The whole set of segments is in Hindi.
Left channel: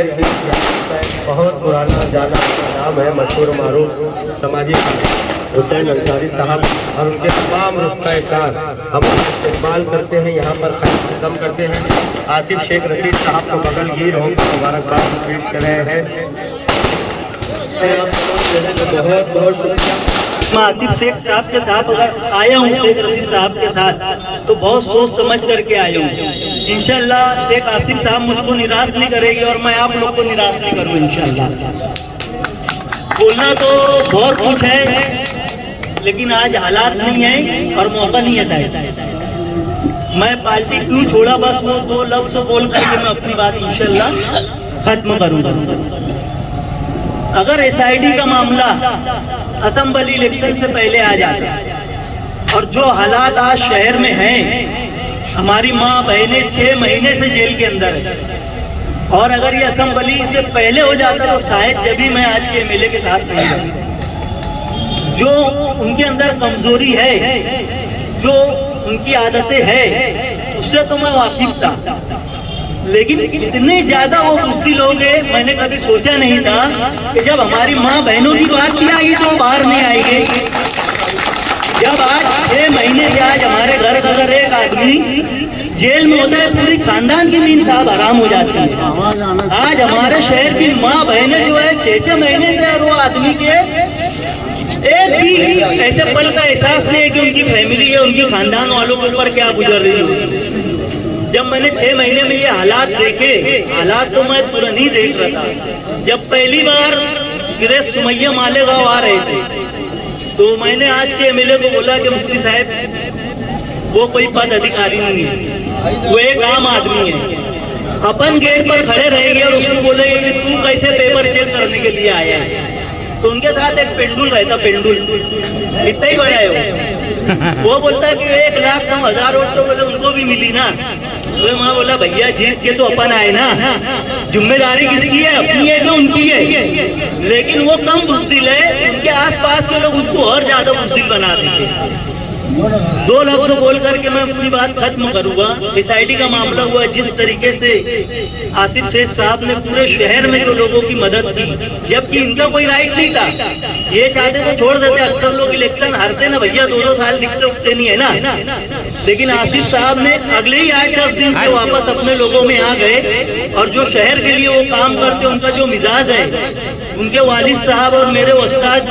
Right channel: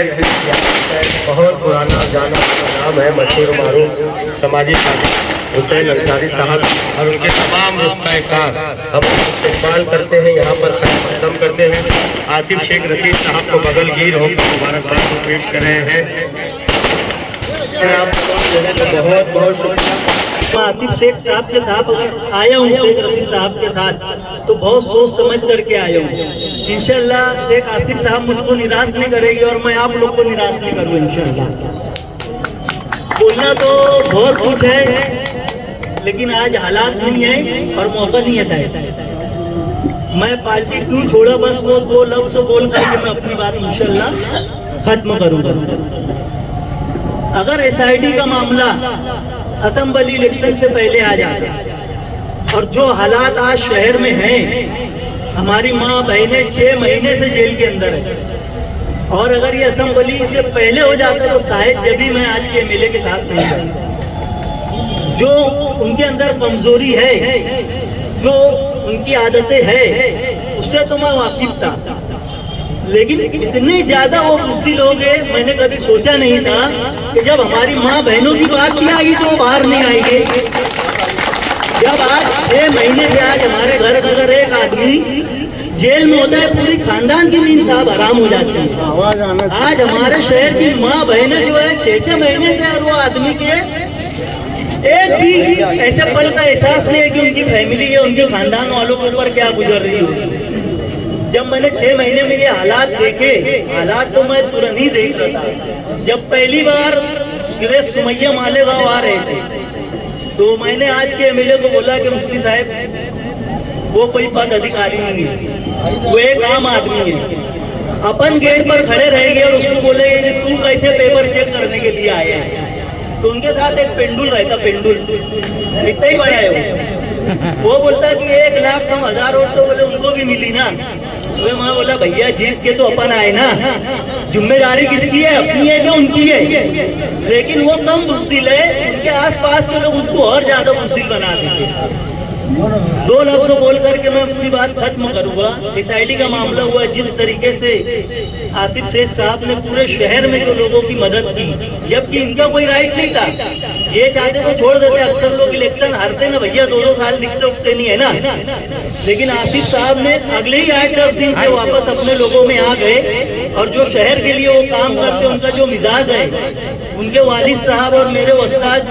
शहर की बहुत पुराना जाना नाम है, मशहूर मारूफ समाजी हुसैन अंसारी साहब और उनके तमाम रिश्तेदार हम इस्तेमाल करते हैं, यहाँ पर कदम करते हैं। आसिफ शेख रफीक साहब को बगलगीर होकर मुबारकबाद पेश कर रहे हैं। आप तमाम लोगों को बहुत बहुत शुक्रिया। मैं आसिफ शेख साहब के साथ आया हूँ, शेख रफीक साहब के साथ, तो बहुत सोच समझ करके आया हूँ। इंशाल्लाह शेख आसिफ साहब मुझको निराश नहीं करेगी और मैं आप लोग को निराश नहीं करूँ इंशाल्लाह। बोलना तो बहुत कुछ है, लेकिन आज हालात नहीं है और मौका नहीं है शायद। मैं पार्टी क्यों छोड़ा, बस वो लफ्ज़ बोल करके मैं अपनी बात इंशाल्लाह खत्म करूँगा। अगर SID का मामला असेंबली इलेक्शन से पहले आ जाए और जो हालात आज शहर में हैं, हमारी माँ बहनें 6 महीने से जेल के अंदर है, और अगर ये असेंबली से पहले हो जाता तो शायद जब भी मैं आज के MLA के साथ नहीं हूँ। जो उनके अंदर कमजोरी है, जो उनकी आदतें हैं, उससे तो मैं वाकिफ था, लेकिन इतने ज्यादा वो बुज़दिल हो गए, मैंने कभी सोचा नहीं था कि जब हमारी माँ बहनों की बात की आई तो बाहर नहीं आएगी। जब आज 6 महीने से आज हमारे घर घर एक आदमी जेल में होता है, पूरी खानदान की नींद साहब आराम हो जाती है। आज हमारे शहर की माँ बहनें जो है 6-6 महीने से, और वो आदमी के एक भी ऐसे पल का एहसास नहीं है कि उनकी फैमिली है, उनके खानदान वालों के ऊपर क्या गुजर रही है। जब मैंने 6 महीने में ये हालात देखे, हालात तो मैं तुरंत ही देख रहा था। जब पहली बार गिरे सुमैया मालेगांव आ रहे थे, तो मैंने आज के MLA को बोला कि मुफ्ती साहब वो कोई पद अधिकारी नहीं है, वो एक आम आदमी है। अपन गेट पर खड़े रहेंगे और उसको बोलेंगे कि तू कैसे पेपर चेक करने के लिए आया है। तो उनके साथ एक पेंडुल रहता, पेंडुल इतना ही बड़ा है वो बोलता है कि 1,09,000 वोट तो बोले उनको भी मिली ना। तो मैं बोला भैया जीत के तो अपन आए ना, जिम्मेदारी किसकी है, अपनी है कि उनकी है। लेकिन वो कम बुज़दिल है, उनके आसपास के लोग उनको और ज्यादा बुज़दिल बना देते हैं। 2 लफ्ज़ बोल करके मैं अपनी बात खत्म करूंगा। SID का मामला हुआ, जिस तरीके से आसिफ शेख साहब ने पूरे शहर में जो लोगों की मदद की, जबकि इनका कोई राइट नहीं था। ये चाहते तो छोड़ देते, अक्सर लोग इलेक्शन हारते ना भैया, 2-2 साल दिखते उठते नहीं है ना। लेकिन आसिफ साहब ने अगले ही 8-10 दिन से वापस अपने लोगों में आ गए, और जो शहर के लिए वो काम करते, उनका जो मिजाज है, उनके वालिद साहब और मेरे उस्ताद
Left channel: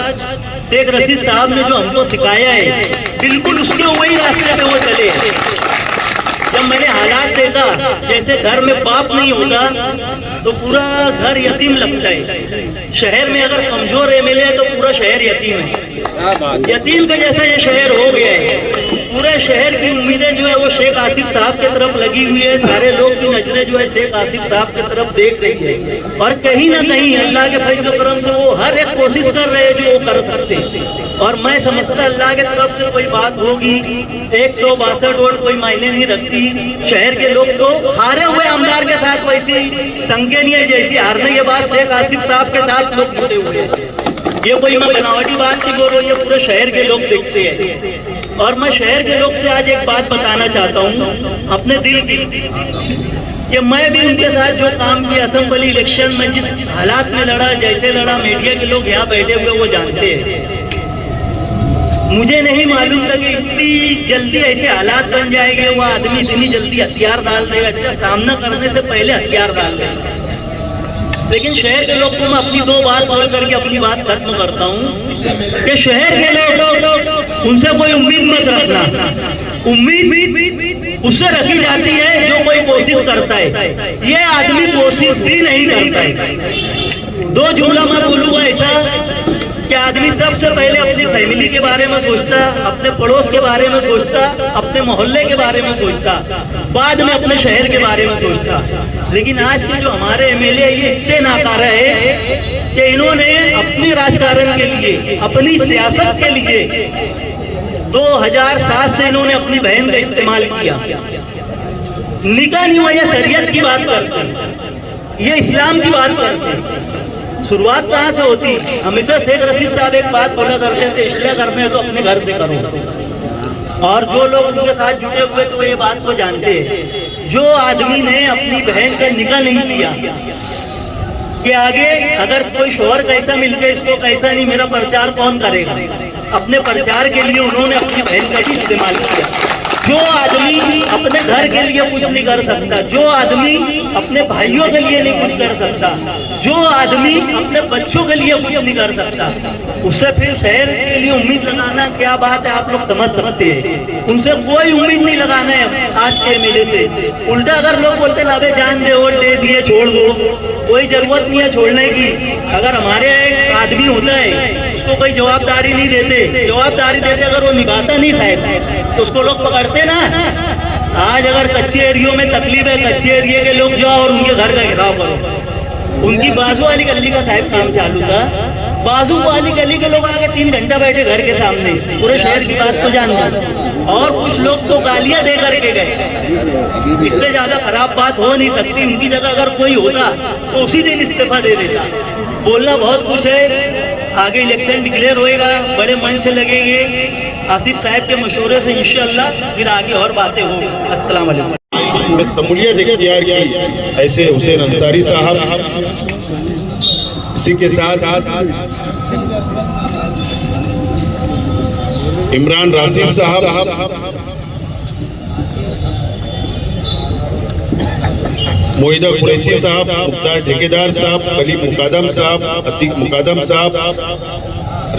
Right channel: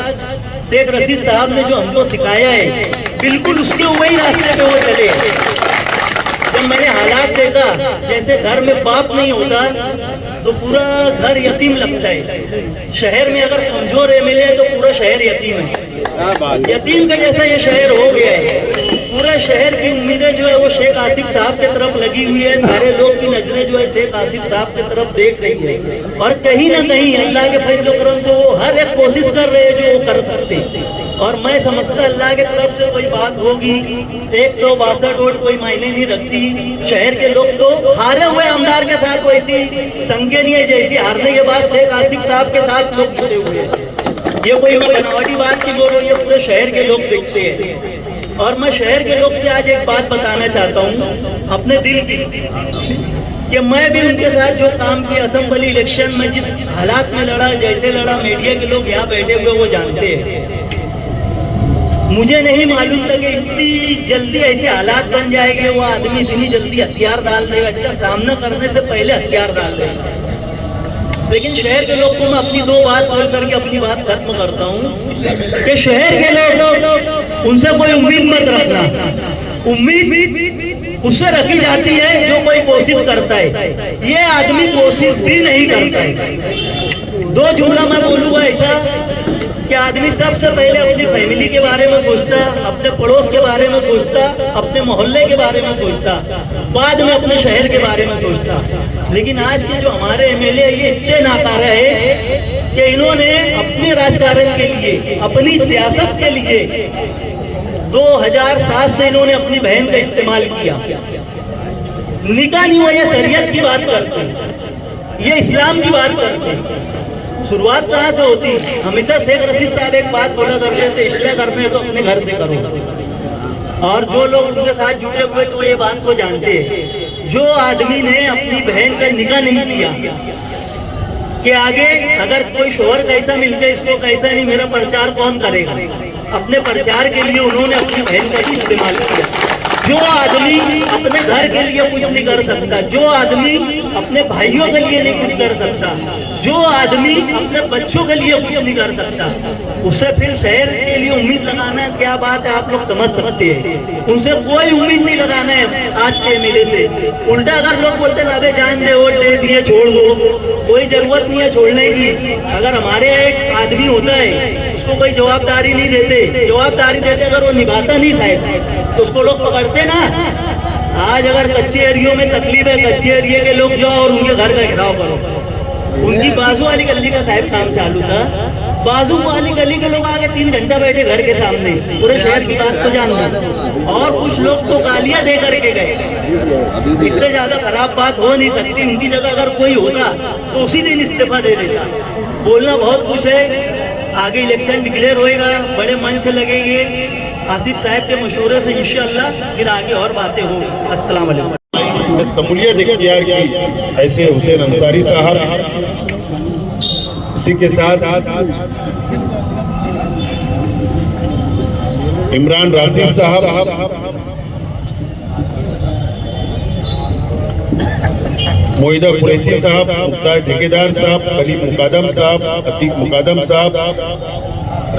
शेख रशीद साहब ने जो हमको सिखाया है, बिल्कुल उसके वही रास्ते पे वो चले। जब मैंने हालात देखा, जैसे घर में बाप नहीं होगा तो पूरा घर यतीम लगता है। शहर में अगर कमजोर MLA है तो पूरा शहर यतीम है। यतीम का जैसा ये शहर हो गया है। पूरा शहर की उम्मीदें जो है वो शेख आसिफ साहब की तरफ लगी हुई है। सारे लोग की नजरें जो है शेख आसिफ साहब की तरफ देख रही है, और कहीं ना कहीं अल्लाह के फजल करम से वो हर एक कोशिश कर रहे हैं जो वो कर सकते हैं। और मैं समझता अल्लाह के तरफ से कोई बात होगी। 162 वोट कोई मायने नहीं रखती। शहर के लोग तो हारे हुए आमदार के साथ वैसी संज्ञा नहीं है जैसी हारने के बाद शेख आसिफ साहब के साथ लोग जुड़े हुए हैं। ये कोई मैं बनावटी बात नहीं बोल रही, पूरे शहर के लोग देखते हैं। और मैं शहर के लोग से आज एक बात बताना चाहता हूँ अपने दिल की, कि मैं भी उनके साथ जो काम किया असेंबली इलेक्शन में, जिस हालात में लड़ा, जैसे लड़ा, मीडिया के लोग यहाँ बैठे हुए वो जानते हैं। मुझे नहीं मालूम था कि इतनी जल्दी ऐसे हालात बन जाएंगे, वो आदमी इतनी जल्दी हथियार डाल देगा। अच्छा, सामना करने से पहले हथियार डाल देगा। लेकिन शहर के लोग को मैं अपनी 2 बात बोल करके अपनी बात खत्म करता हूँ कि शहर के लोग उनसे कोई उम्मीद मत रखना। उम्मीद उससे रखी जाती है जो कोई कोशिश करता है। ये आदमी कोशिश भी नहीं करता है। 2 जुमला मैं बोलूंगा ऐसा कि आदमी सबसे पहले अपनी फैमिली के बारे में सोचता, अपने पड़ोस के बारे में सोचता, अपने मोहल्ले के बारे में सोचता, बाद में अपने शहर के बारे में सोचता। लेकिन आज के जो हमारे MLA ये इतने नाकारा है कि इन्होंने अपने राजकारण के लिए, अपनी सियासत के लिए 2007 से इन्होंने अपनी बहन का इस्तेमाल किया। निकाह नहीं हुआ, ये शरीयत की बात करते हैं, ये इस्लाम की बात करते हैं। शुरुआत कहाँ से होती? हमेशा शेख रशीद साहब एक बात बोला करते थे, इसलिए करने हैं तो अपने घर से करो। और जो लोग उनके साथ जुड़े हुए तो ये बात को जानते हैं। जो आदमी ने अपनी बहन का निकाह नहीं किया, कि आगे अगर कोई शोहर कैसा मिल गया इसको कैसा नहीं, मेरा प्रचार कौन करेगा। अपने प्रचार के लिए उन्होंने अपनी बहन का ही इस्तेमाल किया। जो आदमी अपने घर के लिए कुछ नहीं कर सकता, जो आदमी अपने भाइयों के लिए नहीं कुछ कर सकता, जो आदमी अपने बच्चों के लिए कुछ नहीं कर सकता, उससे फिर शहर के लिए उम्मीद लगाना क्या बात है, आप लोग समझ सकते हैं। उनसे कोई उम्मीद नहीं लगाना है आज के एमएलए से। उल्टा अगर लोग बोलते ना अबे जान दे, वोट दे दिए छोड़ दो, कोई जरूरत नहीं है छोड़ने की। अगर हमारे एक आदमी होता है उसको कोई जवाबदारी नहीं देते, जवाबदारी देते अगर वो निभाता नहीं शायद तो उसको लोग पकड़ते ना। आज अगर कच्चे एरियो में तकलीफ है, कच्चे एरिया के लोग जाओ और उनके घर का घेराव करो। उनकी बाजू वाली गली का साहब काम चालू था, बाजू वाली गली के लोग आगे 3 घंटा बैठे घर के सामने, पूरे शहर की बात को जानते, और कुछ लोग तो गालियां दे करके गए। इससे ज्यादा खराब बात हो नहीं सकती। उनकी जगह अगर कोई होता तो उसी दिन इस्तीफा दे देता। बोलना बहुत कुछ है, आगे इलेक्शन डिक्लेयर होएगा, बड़े मन से लगेंगे। आसिफ साहब के मशवरे से इंशाअल्लाह फिर आगे और बातें होंगी। अस्सलाम वालेकुम। में शमूलियत इख्तियार की ऐसे हुसैन अंसारी साहब, इसी के साथ इमरान राशिद साहब, मोहिदा कुरैशी साहब, मुख्तार ठेकेदार साहब, कलीम मुकादम साहब, अतीक मुकादम साहब,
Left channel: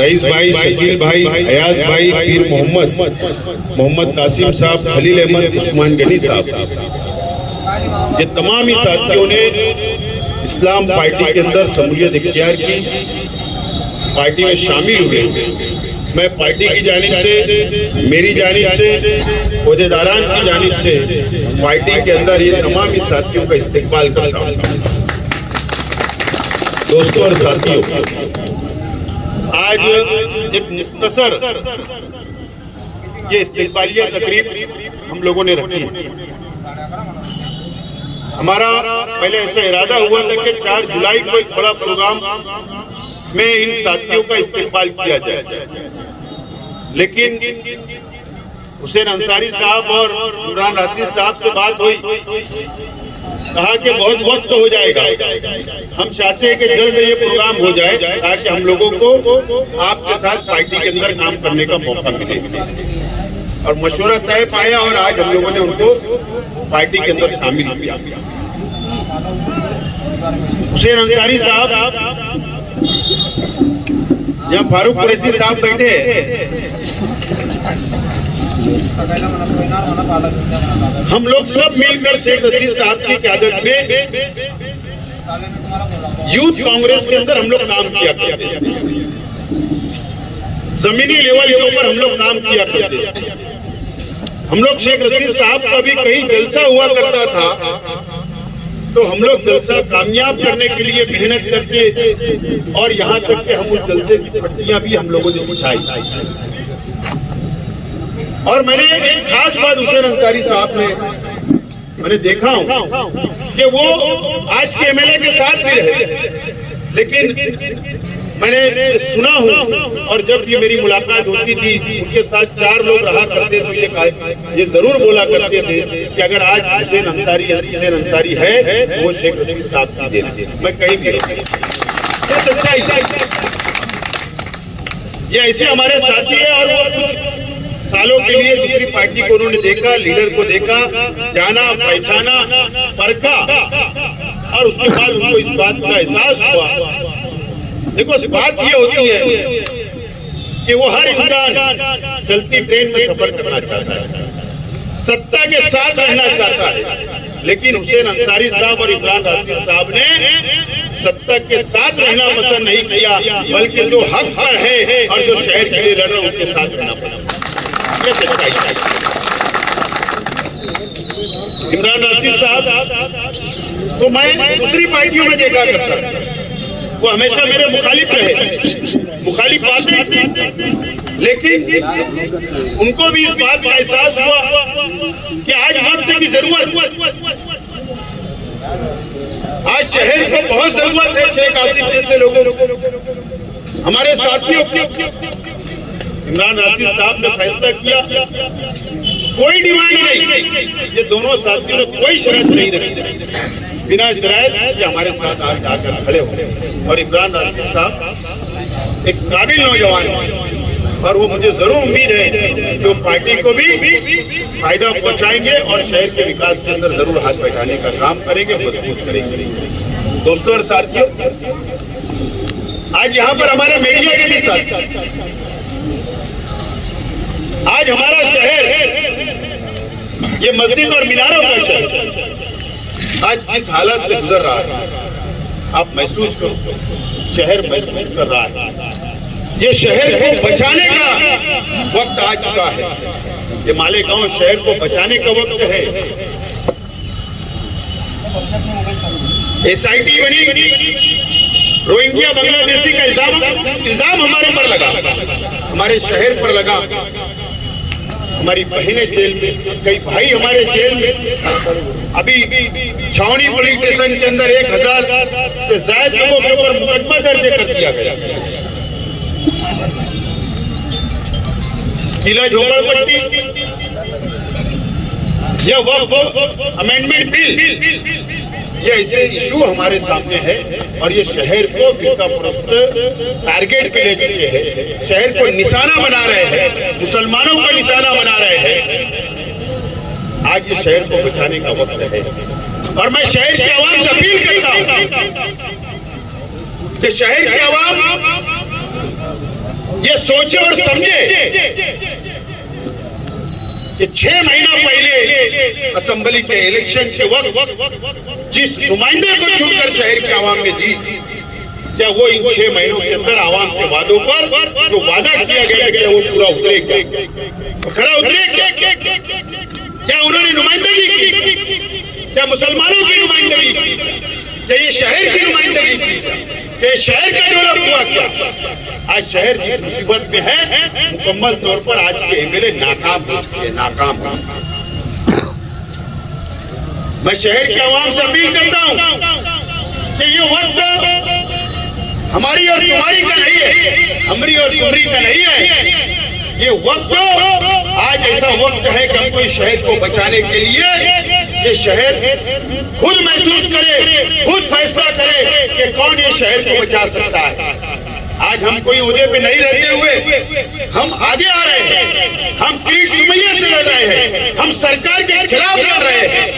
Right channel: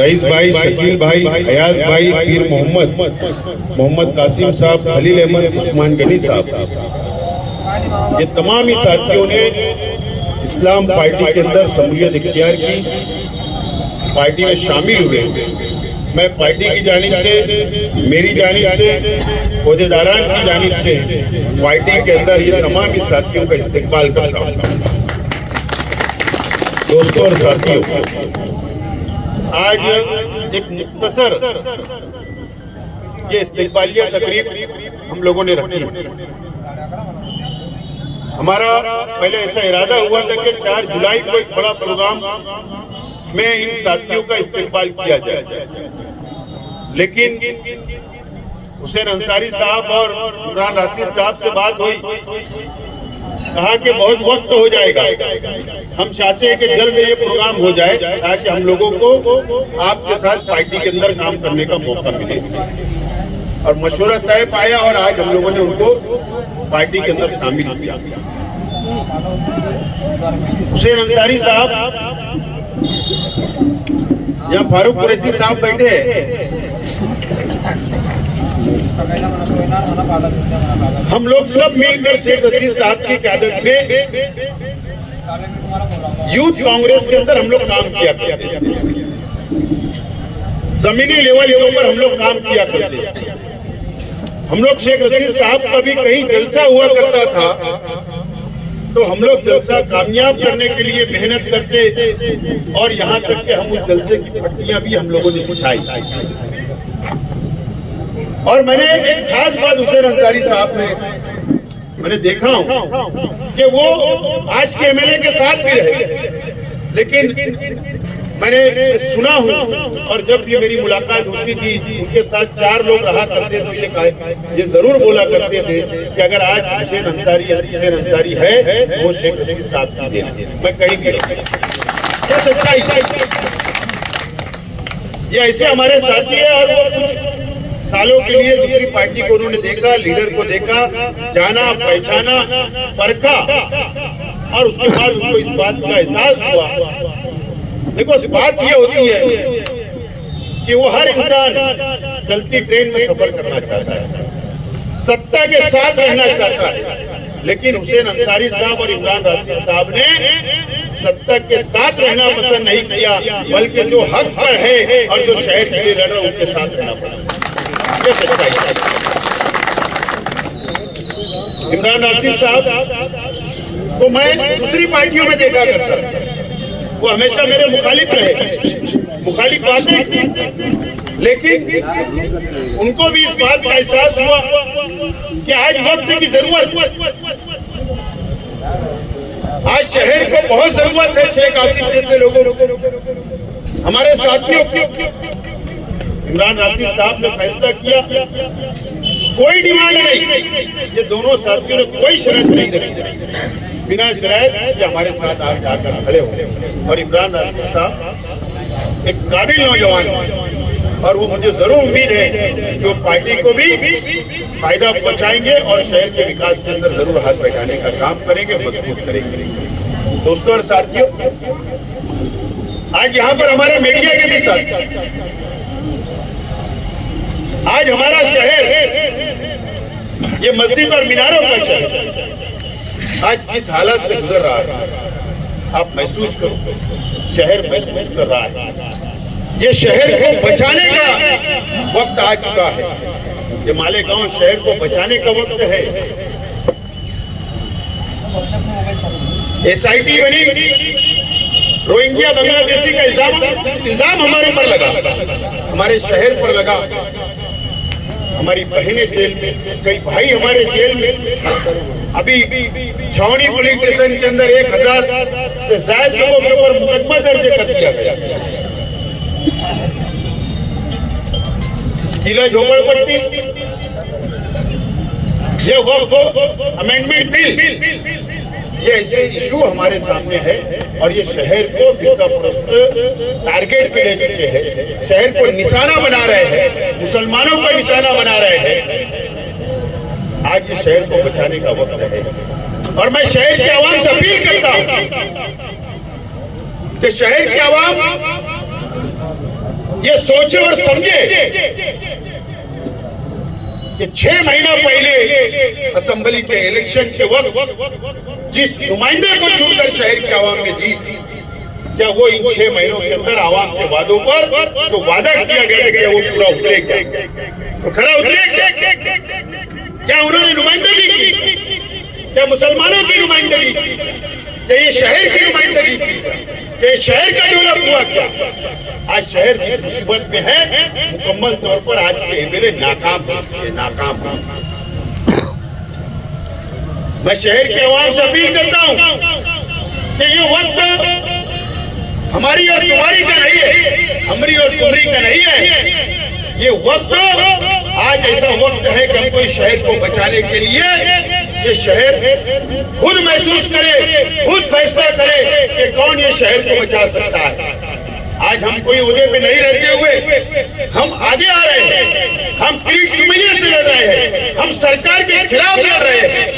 रईस भाई, शकील भाई, अयाज भाई, पीर मोहम्मद कासिम साहब, खलील अहमद, उस्मान गनी साहब, ये तमाम ही साथियों ने इस्लाम पार्टी के अंदर शमूलियत इख्तियार की, पार्टी में शामिल हुए। मैं पार्टी की जानिब से, मेरी जानिब से, ओहदेदारान की जानिब से पार्टी के अंदर ये तमाम ही साथियों का इस्तेकबाल करता हूँ। दोस्तों और साथियों, आज एक मुख्तसर ये इस्तेकबालिया तकरीब हम लोगों ने रखी। हमारा पहले ऐसा इरादा हुआ था कि 4 जुलाई को एक बड़ा प्रोग्राम में इन साथियों का इस्तेकबाल किया जाए, लेकिन हुसैन अंसारी साहब और इमरान राशिद साहब से बात हुई, कहा कि बहुत वक्त हो जाएगा, हम चाहते हैं कि जल्द ये प्रोग्राम हो जाए ताकि हम लोगों को आपके साथ पार्टी के अंदर काम करने का मौका मिले। और मशवरा तय पाया और आज हम लोगों ने उनको पार्टी के अंदर शामिल किया। हुसैन अंसारी साहब, यहाँ फारूक कुरैशी साहब बैठे हैं, हम लोग सब मिलकर शेख हसीन साहब की क़यादत में यूथ कांग्रेस के अंदर हम लोग काम किया करते, जमीनी लेवल के ऊपर हम लोग काम किया करते। हम लोग शेख हसीन साहब का भी कहीं जलसा हुआ करता था तो हम लोग जलसा कामयाब करने के लिए मेहनत करके, और यहाँ तक कि हम उस जलसे की पट्टियां भी हम लोगों ने बिछाई। और मैंने एक खास बात हुसैन अंसारी साहब ने मैंने देखा हूं कि वो आज के एमएलए के साथ भी रहे, लेकिन मैंने सुना हूं और जब भी मेरी मुलाकात होती थी उनके साथ 4 लोग रहा करते थे, ये जरूर बोला करते थे कि अगर आज हुसैन अंसारी है तो वो शेख हसीन साहब की देन है। मैं कहीं भी ये सच्चाई, ये ऐसे हमारे साथी है और वो कुछ सालों के लिए दूसरी पार्टी को उन्होंने देखा, लीडर को देखा, जाना, पहचाना, परखा, और उसके बाद उनको इस बात का एहसास हुआ। देखो बात ये होती है कि वो हर इंसान चलती ट्रेन में सफर करना चाहता है, सत्ता के साथ रहना चाहता है, लेकिन हुसैन अंसारी साहब और इमरान राशिद साहब ने सत्ता के साथ रहना पसंद नहीं किया, बल्कि जो हक पर है और जो शहर के लिए लड़ रहे उनके साथ रहना पसंद। ये सच्चाई है। इमरान राशिद साहब तो मैं दूसरी पार्टियों में देखा करता था, वो हमेशा मेरे मुखालिफ रहे, मुखालिफ बातें की, लेकिन उनको भी इस बात का एहसास हुआ कि आज वक्त की जरूरत, आज शहर को बहुत जरूरत है शेख आसिफ जैसे लोगों को, हमारे साथियों की। इमरान राशिद साहब ने फैसला किया, कोई डिमांड नहीं, ये दोनों साथियों ने कोई शर्त नहीं रखी, विनय सराय ये हमारे साथ आज आकर खड़े हुए और इमरान राशिद साहब एक काबिल नौजवान है और वो मुझे जरूर उम्मीद है कि वो पार्टी को भी फायदा पहुंचाएंगे और शहर के विकास के अंदर जरूर हाथ बैठाने का काम करेंगे, मजबूत करेंगे। दोस्तों और साथियों, आज यहाँ पर हमारे मीडिया के भी साथ आज हमारा शहर ये मस्जिद और मीनारों का शहर आज किस हालत से गुजर रहा है आप महसूस करो, शहर महसूस कर रहा है। ये शहर को बचाने का वक्त आ चुका है, ये मालेगांव शहर को बचाने का वक्त है। SIT बनी, रोहिंग्या बांग्लादेशी का इल्जाम हमारे पर लगा, हमारे शहर पर लगा, हमारी बहनें जेल में, कई भाई हमारे जेल में। अभी छावनी पुलिस स्टेशन के अंदर 1000 से ज्यादा लोगों के ऊपर मुकदमा दर्ज कर दिया गया। किला झोपड़पट्टी ये वक्फ अमेंडमेंट बिल ये ऐसे इशू हमारे सामने है और ये शहर को फिरका परस्त टारगेट पे ले चुके हैं, शहर को निशाना बना रहे हैं, मुसलमानों को निशाना बना रहे हैं। आज ये शहर को बचाने का वक्त है और मैं शहर की आवाम से अपील करता हूं कि शहर की आवाम ये सोचे और समझे कि 6 महीना पहले असेंबली के इलेक्शन के वक्त जिस नुमाइंदे को चुनकर शहर की आवाम ने दी, क्या वो इन 6 महीनों के अंदर आवाम के वादों पर जो वादा किया गया कि वो पूरा उतरेगा, तो खरा उतरेगा? क्या उन्होंने नुमाइंदगी की? क्या मुसलमानों की नुमाइंदगी की? क्या ये शहर की नुमाइंदगी की? क्या शहर का डेवलप हुआ? क्या आज शहर जिस मुसीबत में है, मुकम्मल तौर पर आज के MLA नाकाम हो चुके हैं, नाकाम हो चुके हैं। मैं शहर के आवाम से अपील करता हूं कि ये वक्त हमारी और तुम्हारी का नहीं है, हमारी और तुम्हारी का नहीं है। ये वक्त आज ऐसा वक्त है कि हमको इस शहर को बचाने के लिए ये शहर खुद महसूस करे, खुद फैसला करे कि कौन ये शहर को बचा सकता है। आज हम कोई ओहदे पे नहीं रहते हुए हम आगे आ रहे हैं, हम किरीट सुमैया से लड़ रहे हैं, हम सरकार के खिलाफ लड़ रहे हैं,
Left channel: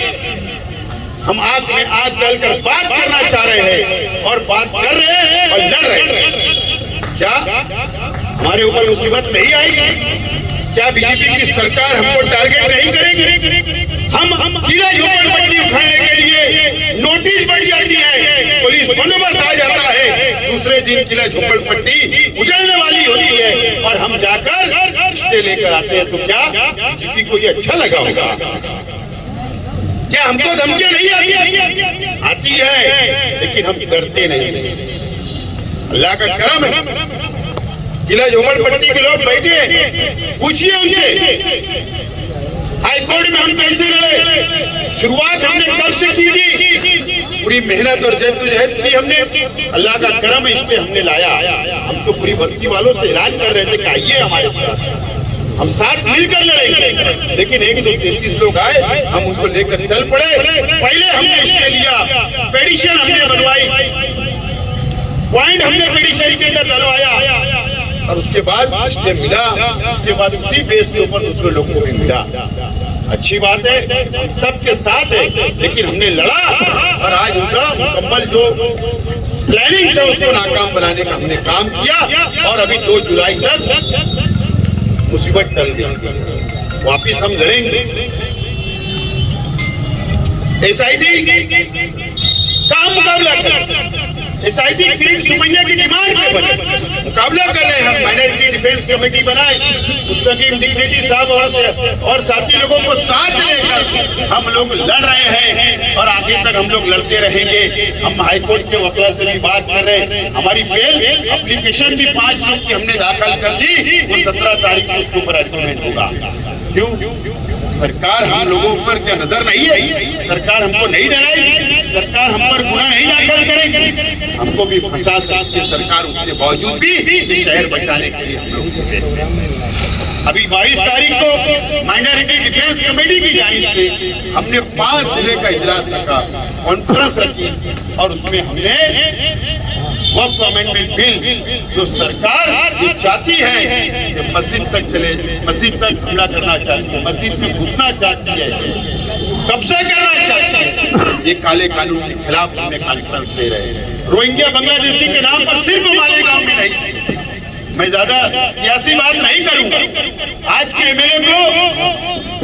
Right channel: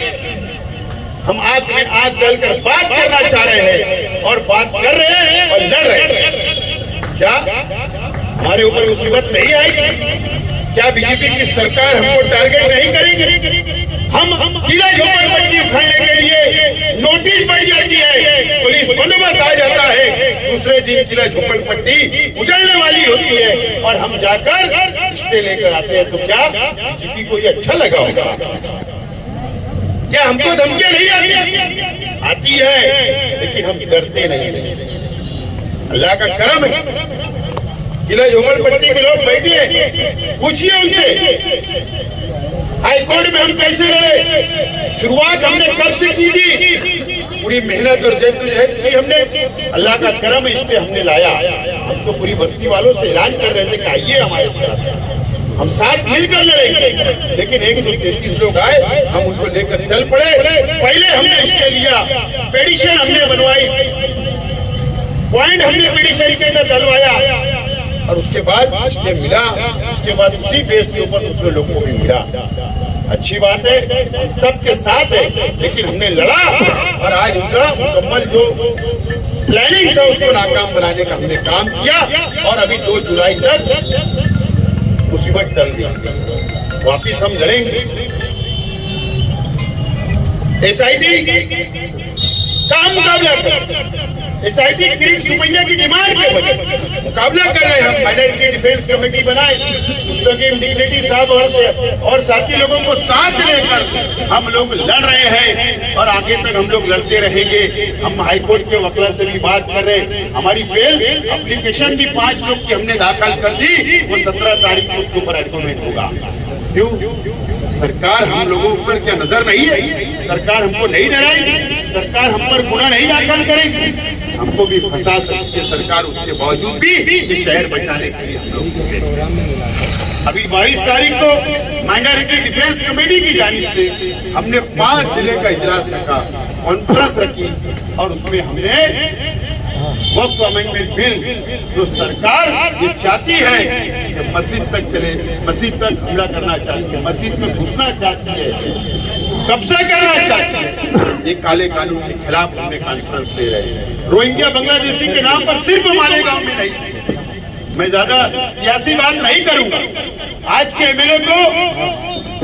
हम आग में आग डालकर बात करना चाह रहे हैं और बात कर रहे हैं और लड़ रहे हैं। क्या हमारे ऊपर मुसीबत नहीं आएगी? क्या बीजेपी की सरकार हमको टारगेट नहीं करेगी? हम किला झोपड़पट्टी उठाने के लिए नोटिस बढ़ जाती है, पुलिस बंदोबस्त आ जाता है, दूसरे दिन किला झोपड़पट्टी उजड़ने वाली होती है और हम जाकर स्टे लेकर आते हैं। तो क्या बीजेपी को ये अच्छा लगा होगा? क्या हमको धमकियां नहीं आती है, लेकिन हम डरते नहीं। अल्लाह का करम है, किला झोपड़पट्टी के लोग बैठे, पूछिए उनसे हाई कोर्ट में हम कैसे रहे, शुरुआत हमने कब से की थी, पूरी मेहनत और जद्दोजहद की हमने। अल्लाह का करम इस पे हमने लाया। हम तो पूरी बस्ती वालों से ऐलान कर रहे थे कि आइए हमारे साथ, हम साथ मिलकर लड़ेंगे, लेकिन 133 लोग आए, हम उनको लेकर चल पड़े। पहले हमने स्टे लिया, पेटिशन हमने बनवाई, पॉइंट हमने पेटिशन के अंदर डलवाया और उसके बाद स्टे मिला। उसके बाद उसी बेस के ऊपर दूसरे लोगों को भी मिला। अच्छी बात है, हम सबके साथ है, लेकिन हमने लड़ा और आज उनका मुकम्मल जो प्लानिंग था उसको नाकाम बनाने का हमने काम किया और अभी 2 जुलाई तक मुसीबत टल गई, वापिस हम लड़ेंगे। SIT का मुकाबला कर, SIT किरीट सुमैया की डिमांड पे बने मुकाबला कर रहे हैं। हम माइनॉरिटी डिफेंस कमेटी बनाए, मुस्तकीम डिग्निटी साहब और साथी लोगों को साथ लेकर हम लोग लड़ रहे हैं और आगे तक हम लोग लड़ते रहेंगे। हम हाईकोर्ट के वकील से भी बात कर रहे हैं, हमारी बेल एप्लीकेशन भी 5 लोग की हमने दाखिल कर दी, वो 17 तारीख को उसके ऊपर आर्गूमेंट होगा। क्यों? सरकार हम लोगों पर क्या नजर नहीं है? सरकार हमको नहीं डराएगी, सरकार हम पर गुनाह नहीं दाखिल करेगी, हमको भी फंसा सकती है सरकार। उसके बावजूद भी ये शहर बचाने के लिए हम लोग अभी 22 तारीख को माइनॉरिटी डिफेंस कमेटी की जानिब से हमने 5 जिले का इजलास रखा। कॉन्फ्रेंस रखी और उसमें हमने वक्फ अमेंडमेंट बिल जो सरकार ये चाहती है कि मस्जिद तक चले, मस्जिद तक हमला करना चाहती है, मस्जिद में घुसना चाहती है, कब्जा करना चाहती है, ये काले कानून के खिलाफ हमने कॉन्फ्रेंस ले रहे हैं। रोहिंग्या बांग्लादेशी के नाम पर सिर्फ मालेगांव में नहीं, मैं ज्यादा सियासी बात नहीं करूंगा। आज के एमएलए को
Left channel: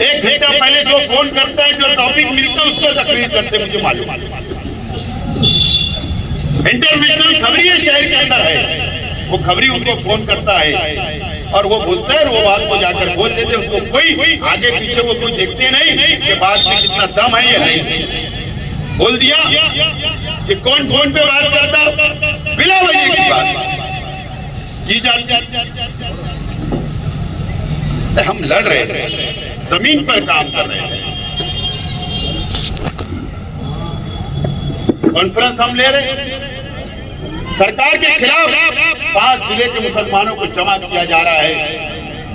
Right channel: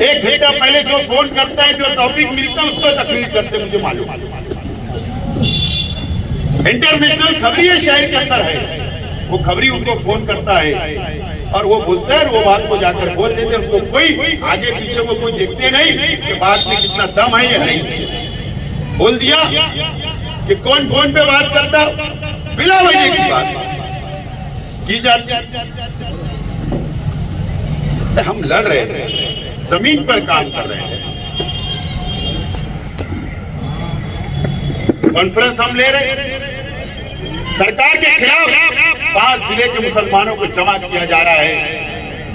एक घंटा पहले जो फोन करता है, जो टॉपिक मिलता है उस पर तकरीर करते मुझे मालूम है। इंटरनेशनल खबरी शहर के अंदर है, वो खबरी उनको फोन करता है और वो बोलता है, वो बात को जाकर बोल देते, उनको कोई आगे पीछे को कोई देखते नहीं कि बात में कितना दम है या नहीं। बोल दिया कि कौन फोन पे बात करता, बिना वजह की बात की जाती। हम लड़ रहे हैं, जमीन पर काम कर रहे हैं, कॉन्फ्रेंस हम ले रहे हैं। सरकार के खिलाफ 5 जिले के मुसलमानों को जमा किया जा रहा है,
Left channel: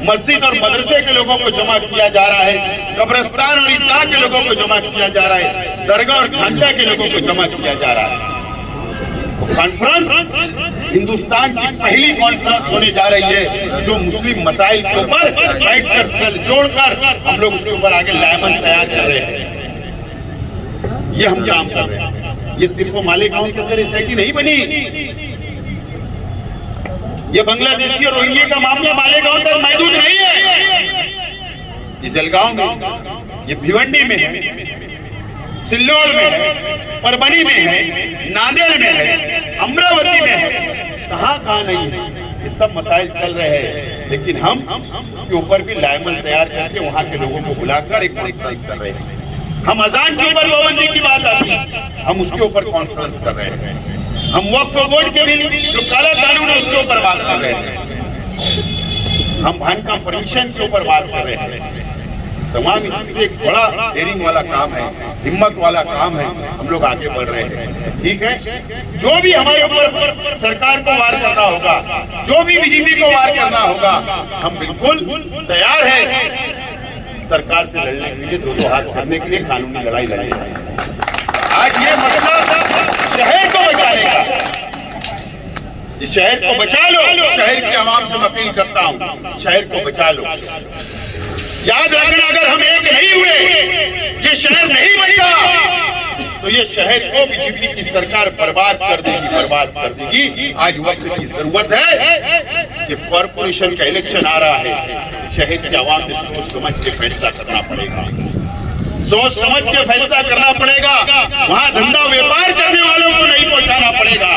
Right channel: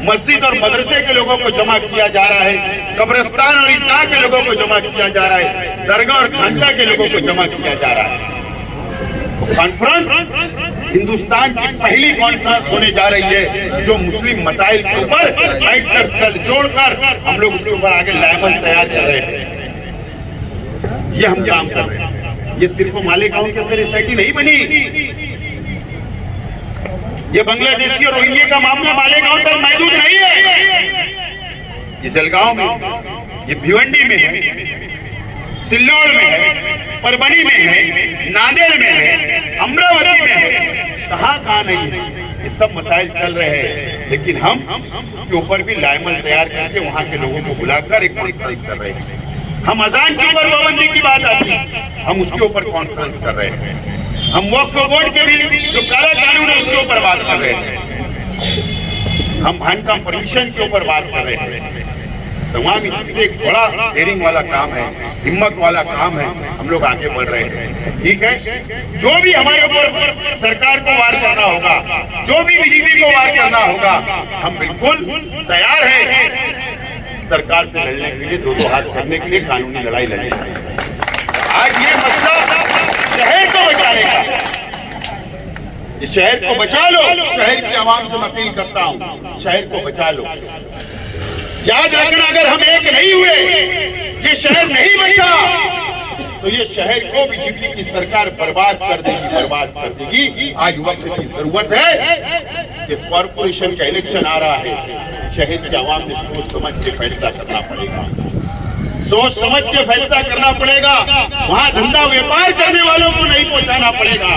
मस्जिद और मदरसे के लोगों को जमा किया जा रहा है, कब्रिस्तान और ईदगाह के लोगों को जमा किया जा रहा है, दरगाह और खानका के लोगों को जमा किया जा रहा है। कॉन्फ्रेंस हिंदुस्तान की पहली कॉन्फ्रेंस होने जा रही है जो मुस्लिम मसाइल के ऊपर बैठकर सर जोड़कर हम लोग उसके ऊपर आगे लायमन तैयार कर रहे हैं। ये हम काम कर रहे हैं। ये सिर्फ मालेगांव के अंदर एसआईटी नहीं बनी, ये बांग्लादेशी और रोहिंग्या का मामला मालेगांव तक महदूद नहीं है। ये जलगांव में, ये भिवंडी में है, सिल्लोड़ में है, परभनी में है, नांदेड़ में है, अमरावती में है, कहां नहीं है। ये सब मसाइल चल रहे हैं, लेकिन हम उसके ऊपर भी लायमन तैयार करके वहां के लोगों को बुलाकर एक कॉन्फ्रेंस कर रहे हैं। हम अजान के ऊपर पाबंदी की बात आती है, हम उसके ऊपर कॉन्फ्रेंस कर रहे हैं। हम वक्फ बोर्ड के भी जो काला कानून है उसके ऊपर बात कर रहे हैं। हम खानका परमिशन के ऊपर बात कर रहे हैं। तमाम चीजें एक बड़ा डेयरिंग वाला काम है, हिम्मत वाला काम है, हम लोग आगे बढ़ रहे हैं। ठीक है, जो भी हमारे ऊपर सरकार को वार करना होगा, जो भी बीजेपी को वार करना होगा, हम बिल्कुल तैयार हैं सरकार से लड़ने के लिए, दो हाथ करने के लिए, कानूनी लड़ाई लड़ने के लिए। आज ये मसला शहर को बचाएगा, इस शहर को बचा लो। शहर की आवाम से मैं अपील करता हूँ, शहर को बचा लो। याद रखना, अगर हम एक नहीं हुए, ये शहर नहीं बचा, तो ये शहर को बीजेपी की सरकार बर्बाद कर देगी, बर्बाद कर देगी। आज वक्त की जरूरत है कि कॉर्पोरेशन का इलेक्शन आ रहा है, शहर की आवाम ने सोच समझ के फैसला करना पड़ेगा, सोच समझ के फैसला करना पड़ेगा। वहां धंधा व्यापार करने वालों को नहीं पहुंचाना पड़ेगा,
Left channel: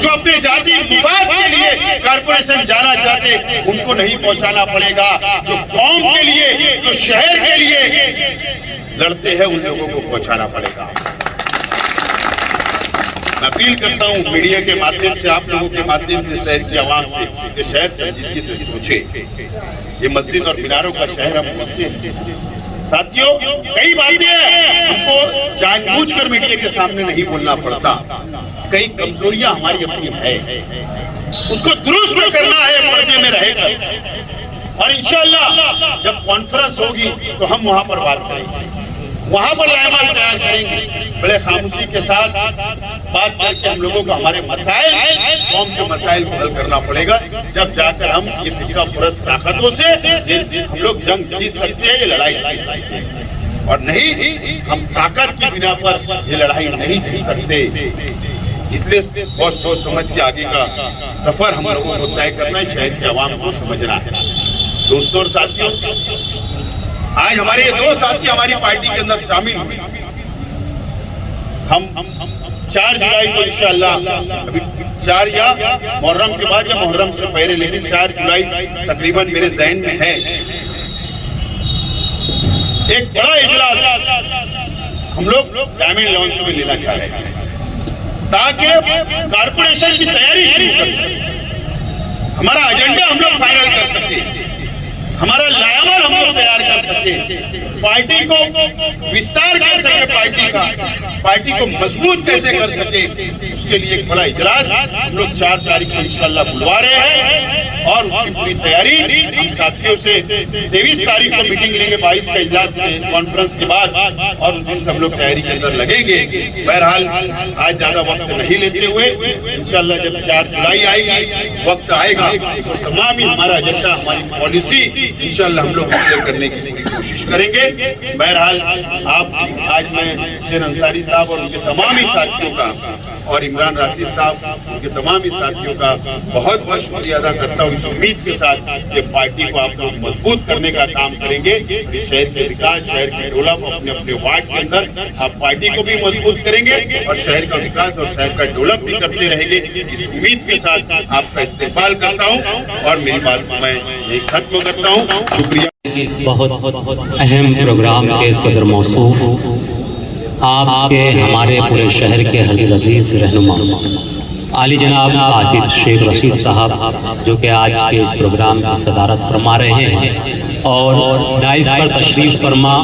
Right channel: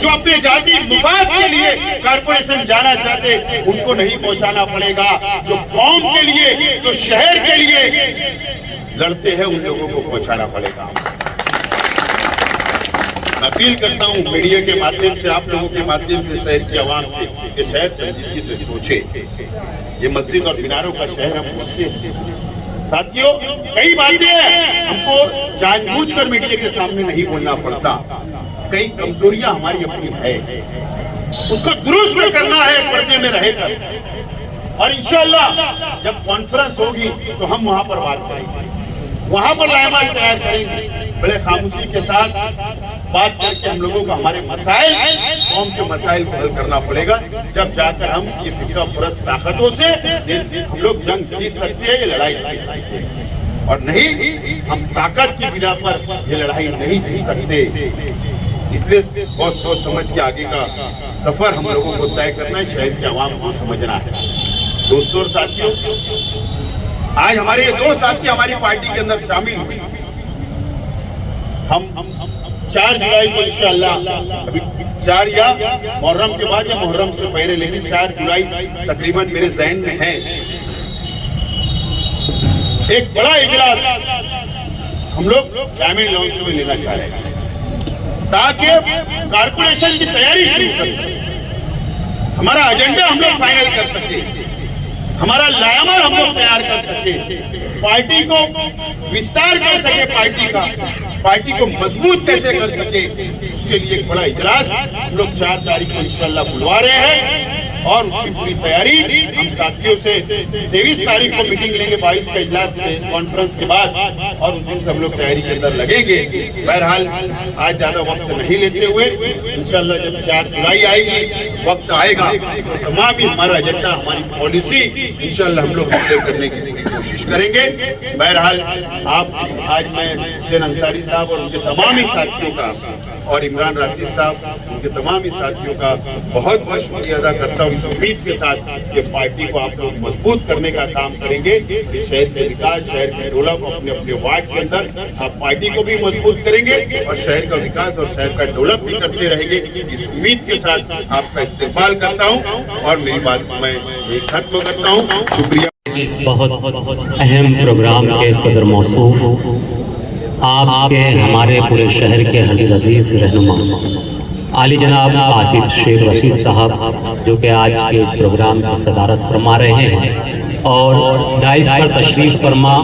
जो अपने जाति मुफाद के लिए कॉर्पोरेशन जाना चाहते उनको नहीं पहुंचाना पड़ेगा, जो कौम के लिए, जो शहर के लिए लड़ते हैं उन लोगों को पहुंचाना पड़ेगा। मैं अपील करता हूं मीडिया के माध्यम से, आप लोगों के माध्यम से, शहर की आवाम से, कि शहर संजीदगी से सोचे। ये मस्जिद और मीनारों का शहर हम बोलते हैं साथियों, कई बातें हमको जानबूझकर मीडिया के सामने नहीं बोलना पड़ता, कई कमजोरियां हमारी अपनी है, उसको दुरुस्त करना है, पर्दे में रहेगा। और इंशाअल्लाह जब कॉन्फ्रेंस होगी तो हम वहां पर बात करेंगे, वहां पर लायमन तैयार करेंगे, बड़े खामोशी के साथ बात करके हम लोगों को हमारे मसाइल, कौम के मसाइल को हल करना पड़ेगा। जब जाकर हम ये फिक्रा पुरस्त ताकतों से हम लोग जंग जीत सकते हैं, ये लड़ाई जीत सकते हैं, और नहीं हम ताकत की बिना पर ये लड़ाई नहीं जीत सकते। इसलिए बहुत सोच समझ के आगे का सफर हम लोगों को तय करना है, शहर की आवाम को समझना है। दोस्तों और साथियों, आज हमारे ये 2 साथी हमारी पार्टी के अंदर शामिल हुए। हम 4 जुलाई को इंशाअल्लाह, अभी 4 या मुहर्रम के बाद या मुहर्रम से पहले, लेकिन 4 जुलाई तकरीबन मेरे जहन में है, एक बड़ा इजलास हम लोग ग्रामीण लॉन्च में लेना चाह रहे हैं, ताकि कारपोरेशन की तैयारी शुरू कर सके, हमारा एजेंडा हम लोग फाइनल कर सके, हमारा लायमन हम लोग तैयार कर सके, पार्टी को विस्तार कर सके, पार्टी को मजबूत कैसे कर सके, उसके लिए एक बड़ा इजलास हम लोग 4 तारीख को इंशाल्लाह बुलवा रहे हैं और उसकी पूरी तैयारी हम साथियों से 23 तारीख को मीटिंग लेंगे, 22 का इजलास कॉन्फ्रेंस के बाद, और उस दिन सब लोग तैयारी के अंदर लगेंगे। बहरहाल आज ज्यादा वक्त नहीं लेते हुए इंशाल्लाह जब 4 जुलाई आएगी, वक्त आएगा, तमाम ही हमारा एजेंडा, हमारी पॉलिसी इंशाल्लाह हम लोग क्लियर करने की पूरी कोशिश करेंगे। बहरहाल आप आज मैं हुसैन अंसारी साहब और उनके तमाम ही साथियों का और इमरान राशिद साहब उनके तमाम ही साथियों का बहुत बहुत शुक्रिया अदा करता हूँ, इस उम्मीद के साथ कि पार्टी को आप लोग मजबूत करने का काम करेंगे। इस शहर के विकास, शहर के डेवलप, अपने अपने वार्ड के अंदर आप पार्टी को भी मजबूत करेंगे और शहर का विकास और शहर का डेवलप भी करते रहेंगे। इस उम्मीद के साथ आपका इस्तेमाल करता हूँ और मेरी बात को मैं यही खत्म करता हूँ। शुक्रिया। बहुत अहम प्रोग्राम के सदर मौसूफ आपके हमारे पूरे शहर के हलील अजीज रहनुमा आली जनाब आसिफ शेख रशीद साहब, जो कि आज के इस प्रोग्राम की सदारत फरमा रहे हैं, और डाइस पर तशरीफ फरमा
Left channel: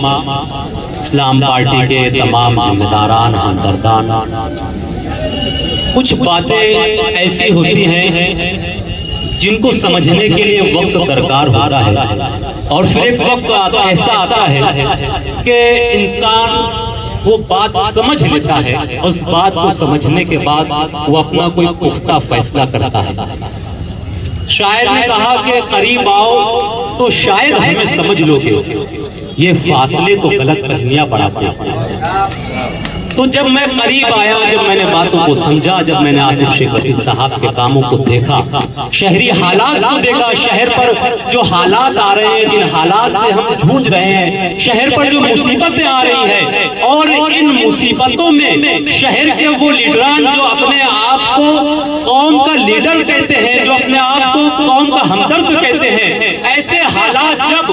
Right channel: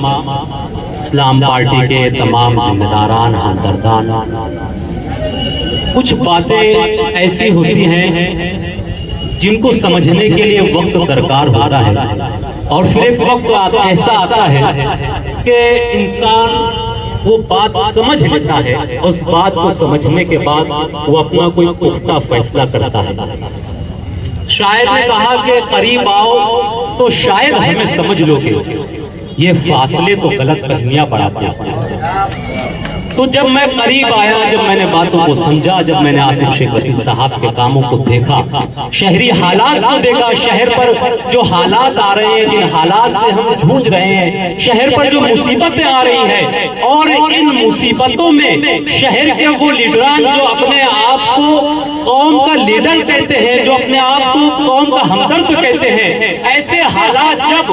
इस्लाम पार्टी के तमाम जिम्मेदारान, हमदर्दान। कुछ बातें ऐसी होती हैं जिनको समझने के लिए वक्त दरकार होता है, और फिर एक वक्त ऐसा आता है कि इंसान वो बात समझ लेता है, उस बात को समझने के बाद वो अपना कोई पुख्ता फैसला करता है। शायर ने कहा कि करीब आओ तो शायद हमें समझ लोगे, ये फासले तो गलत फहमियां बढ़ाते हैं। तो जब मैं करीब आया, जब मैंने बातों को समझा, जब मैंने आसिफ शेख रशीद साहब के कामों को देखा, शहरी हालात को देखा, शहर पर जो हालात आ रहे हैं, जिन हालात से हम जूझ रहे हैं, शहर पर जो मुसीबतें आ रही है, और इन मुसीबतों में शहर के वो लीडरान जो अपने आप को कौम का लीडर कहते हैं, जो अपने आप को कौम का हमदर्द कहते हैं, ऐसे हालात जब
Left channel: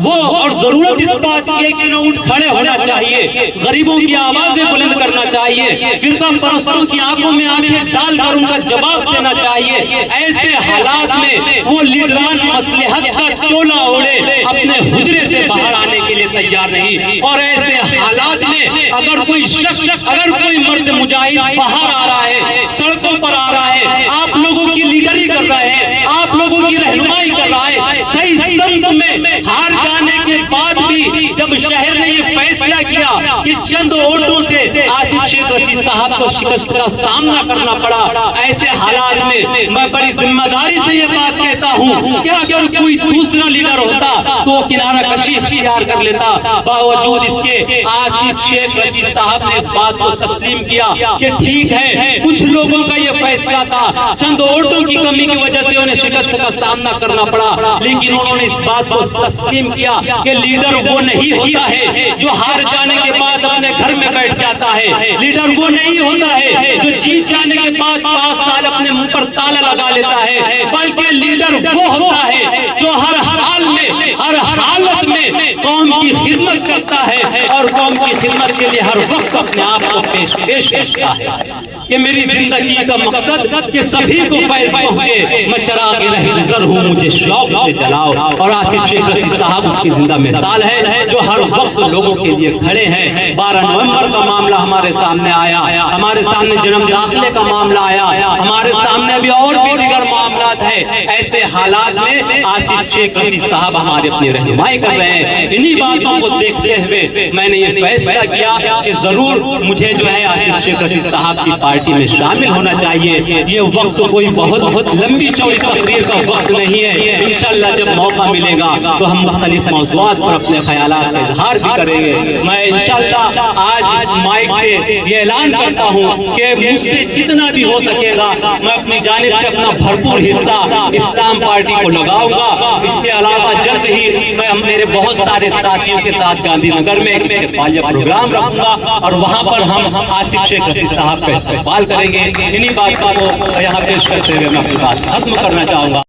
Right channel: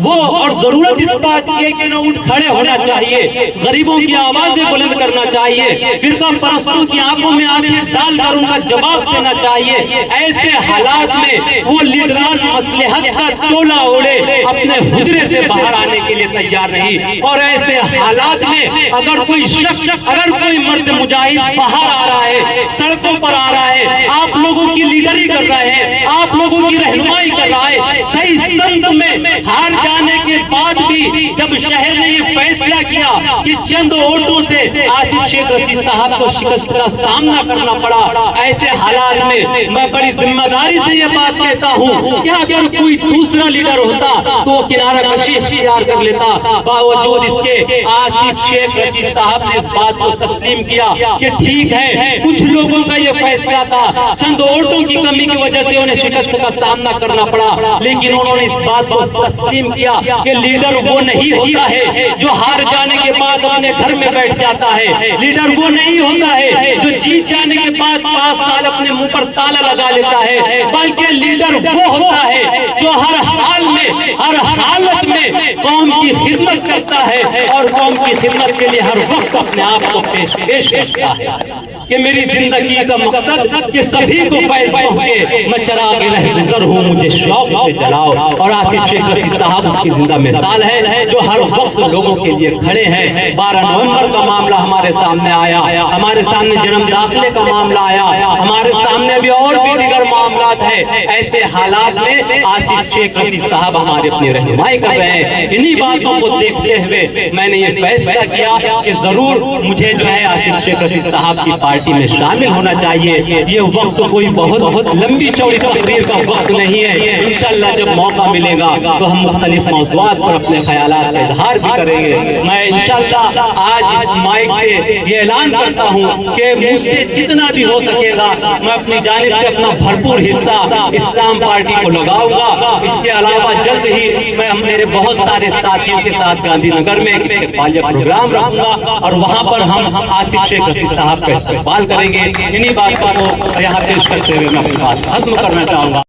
वो और जरूरत इस बात की है कि न उठ खड़े होना चाहिए, गरीबों की आवाजें बुलंद करना चाहिए, फिरका परस्तों की आंखों में आंखें डालकर उनका जवाब देना चाहिए। ऐसे हालात में वो लीडरान मसलहत का चोला ओढ़े अपने हुजरे से बाहर आने के लिए तैयार नहीं, और ऐसे हालात में अगर कोई शख्स, अगर कोई मर्द मुजाहिद बाहर आ रहा है, सड़कों पर आ रहा है, आप लोगों की लीडरी कर रहा है, आप लोगों की रहनुमाई कर रहा है, सही संत में हार जाने के बाद भी जब शहर ने ये फैसला किया कि चंद वोटों से आसिफ शेख रशीद साहब को शिकस्त का सामना करना पड़ा, ऐसे हालात में मैं बड़ी जिम्मेदारी से ये बात कहता हूँ कि अगर कोई दूसरा लीडर होता तो वो किनारा कशी इख्तियार कर लेता। बावजूद इसके आसिफ शेख रशीद साहब ने इस बात को तस्लीम किया कि ठीक है, कुछ लोगों का ये फैसला था, चंद वोटों की कमी की वजह से उन्हें शिकस्त का सामना करना पड़ा, लेकिन उन्होंने इस बात को तस्लीम किया कि लीडर वो नहीं होता है जो हार जाने के बाद अपने घर में बैठ जाता है, लीडर वो नहीं होता है जो जीत जाने के बाद 5 साल अपने मुंह पर ताला लगा लेता है, बल्कि लीडर वो होता है जो हर हाल में, हर हालत में कौम की खिदमत करता है और कौम की खिदमत के लिए हर वक्त अपने आप को पेश करता है। कि मेरी जिंदगी का मकसद कि सभी को फैज़ पहुंचे, मैं चराग रहगुज़र हूँ, मुझे शौक से जलाओ। और आसिफ शेख रशीद साहब उसकी जिंदा मिसाल है जो हर वक्त लोगों के लिए खड़े हैं। 12 नवंबर का मामला हमारे सामने आया, हमारे सामने जन्म दाखिले का मामला आया, हमारे सामने अभी और भी दीगर मामला है। ऐसे हालात में आसिफ शेख रशीद साहब हमारे अपनी रहनुमाई कर रहे हैं। इन्हीं बातों को देखते हुए मैंने ये फैसला किया कि जरूर मुझे जो है आसिफ शेख रशीद साहब की पार्टी में शामिल होना चाहिए। ये वक्त कोई बहुत लंबी चौड़ी तकरीर का वक्त नहीं है। इंशाल्लाह जब मौका मिलेगा तो हम मुख्तलिफ मौज़ूआत पर अपने ख्यालात का इजहार भी करेंगे। मैं इंशाल्लाह आज इस माइक से ये ऐलान करता हूँ कि मुझसे जितना भी हो सकेगा मैं अपनी जानिब से अपना भरपूर हिस्सा इस्लाम पार्टी को लगाऊंगा। इसके अलावा जल्द ही मैं मेरे बहुत सारे साथियों के साथ गांधीनगर में एक इस्तेक़बालिया प्रोग्राम रखूंगा और वहाँ पर हम आसिफ शेख रशीद साहब का इस्तेक़बाल करेंगे। इन्हीं बातों को यहाँ पेश करते हुए मैं अपनी बात खत्म करना चाहूंगा।